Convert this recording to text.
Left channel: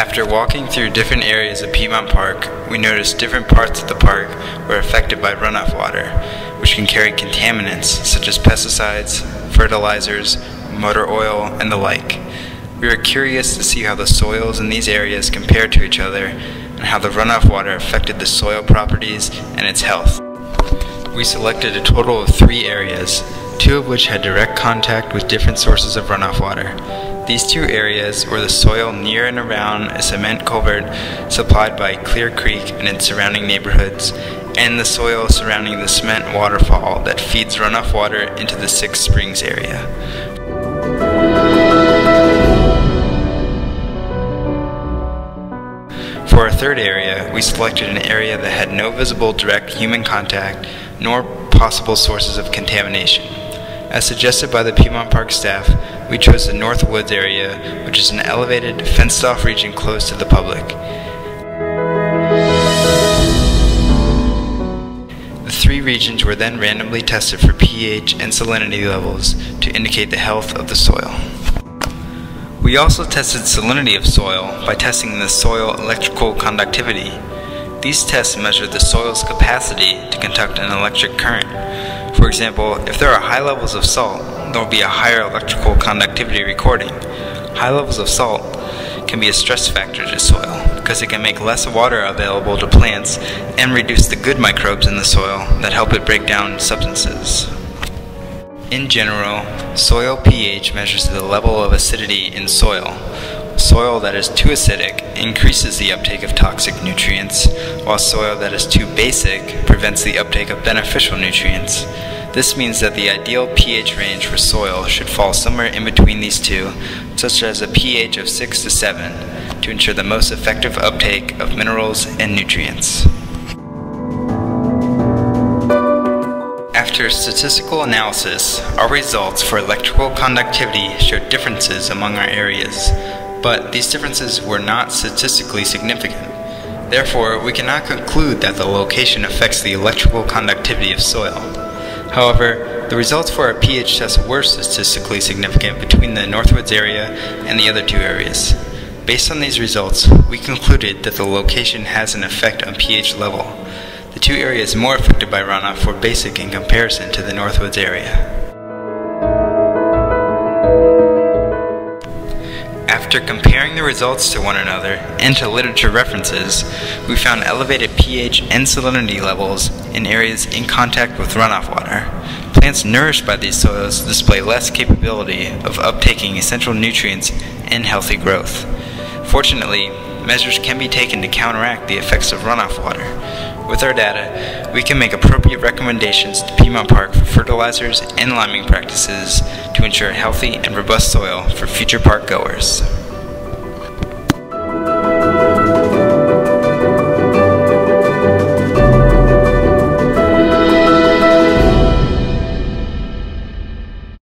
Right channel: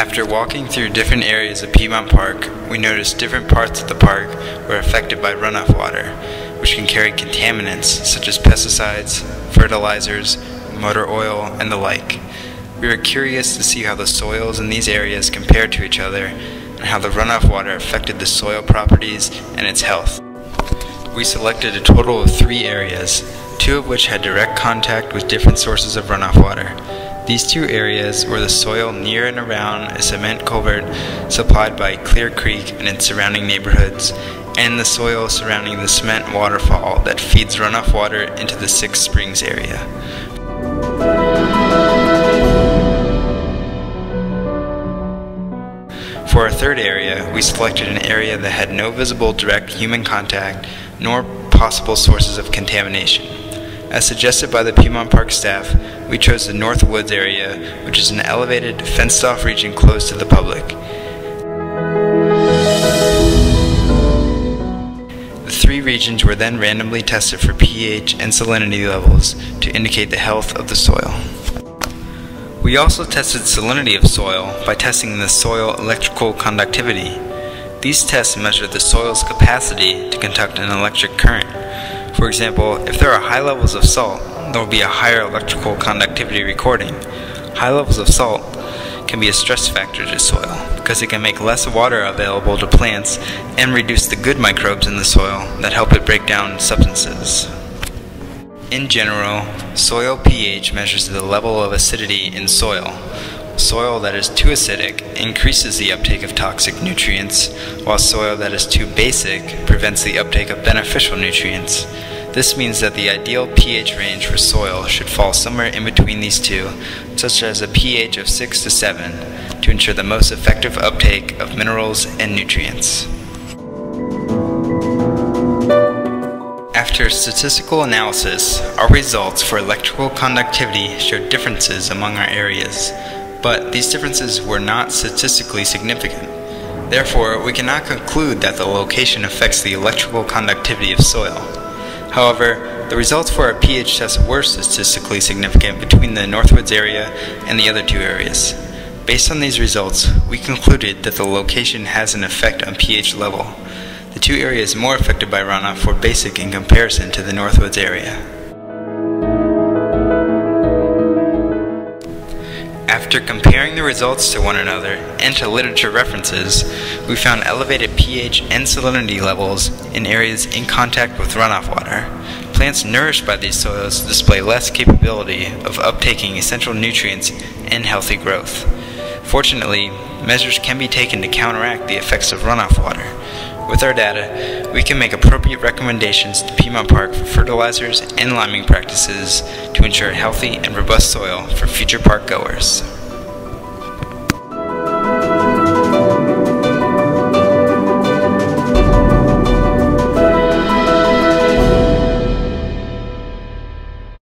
After walking through different areas of Piedmont Park, we noticed different parts of the park were affected by runoff water, which can carry contaminants such as pesticides, fertilizers, motor oil, and the like. We were curious to see how the soils in these areas compared to each other and how the runoff water affected the soil properties and its health. We selected a total of 3 areas, 2 of which had direct contact with different sources of runoff water. These 2 areas were the soil near and around a cement culvert supplied by Clear Creek and its surrounding neighborhoods, and the soil surrounding the cement waterfall that feeds runoff water into the Six Springs area. For our 3rd area, we selected an area that had no visible direct human contact nor possible sources of contamination. As suggested by the Piedmont Park staff, we chose the North Woods area, which is an elevated, fenced-off region closed to the public. The 3 regions were then randomly tested for pH and salinity levels to indicate the health of the soil. We also tested salinity of soil by testing the soil electrical conductivity. These tests measure the soil's capacity to conduct an electric current. For example, if there are high levels of salt, there will be a higher electrical conductivity recording. High levels of salt can be a stress factor to soil because it can make less water available to plants and reduce the good microbes in the soil that help it break down substances. In general, soil pH measures the level of acidity in soil. Soil that is too acidic increases the uptake of toxic nutrients, while soil that is too basic prevents the uptake of beneficial nutrients. This means that the ideal pH range for soil should fall somewhere in between these 2, such as a pH of 6 to 7, to ensure the most effective uptake of minerals and nutrients. After statistical analysis, our results for electrical conductivity showed differences among our areas, but these differences were not statistically significant. Therefore, we cannot conclude that the location affects the electrical conductivity of soil. However, the results for our pH test were statistically significant between the Northwoods area and the other 2 areas. Based on these results, we concluded that the location has an effect on pH level. The 2 areas more affected by runoff were basic in comparison to the Northwoods area. After comparing the results to one another and to literature references, we found elevated pH and salinity levels in areas in contact with runoff water. Plants nourished by these soils display less capability of uptaking essential nutrients and healthy growth. Fortunately, measures can be taken to counteract the effects of runoff water. With our data, we can make appropriate recommendations to Piedmont Park for fertilizers and liming practices to ensure healthy and robust soil for future park goers.